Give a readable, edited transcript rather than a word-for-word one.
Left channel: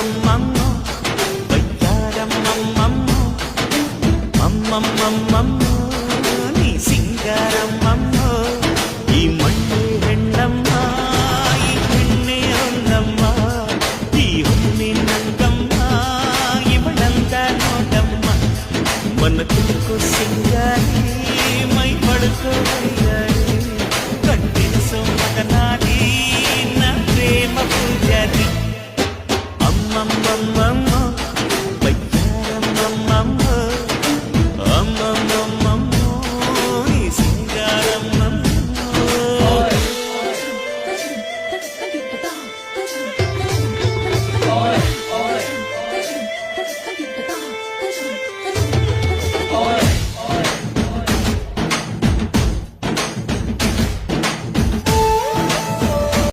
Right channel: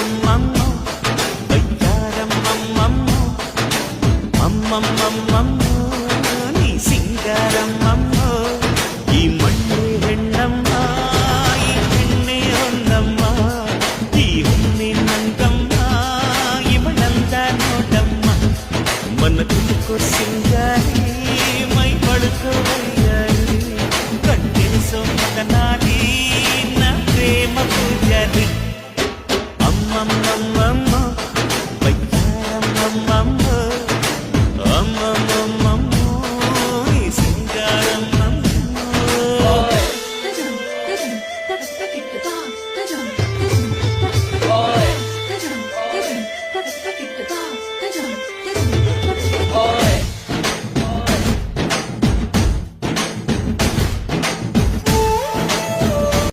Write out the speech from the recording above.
అమ్మమ్మమ్మమ్మో వయ్యారమ్మమ్మమ్మో అమ్మమ్మమ్మమ్మో నీ సింగారమ్మమ్మో ఈ మಣ್ಣే ಹೆಣ್ಣಮ್ಮ ಈ ಹೆಣ್ಣೆ ಒಂದಮ್ಮ ಈ ಹುಣ್ಣಿ ನಂಗಮ್ಮ ಇವಳಂದ ನೋಡಮ್ಮ ಮನ ಕುಲುಕೋ ಸಿಂಗಾರಿ ಮೈ ಬಳುಕೋ ವೈಯಾರಿ ಕಂಟಿನಿಸೋ ಮಗನಾರಿ ನ ಪ್ರೇಮ ಪೂಜಾರಿ ಅಮ್ಮಮ್ಮಮ್ಮಮ್ಮ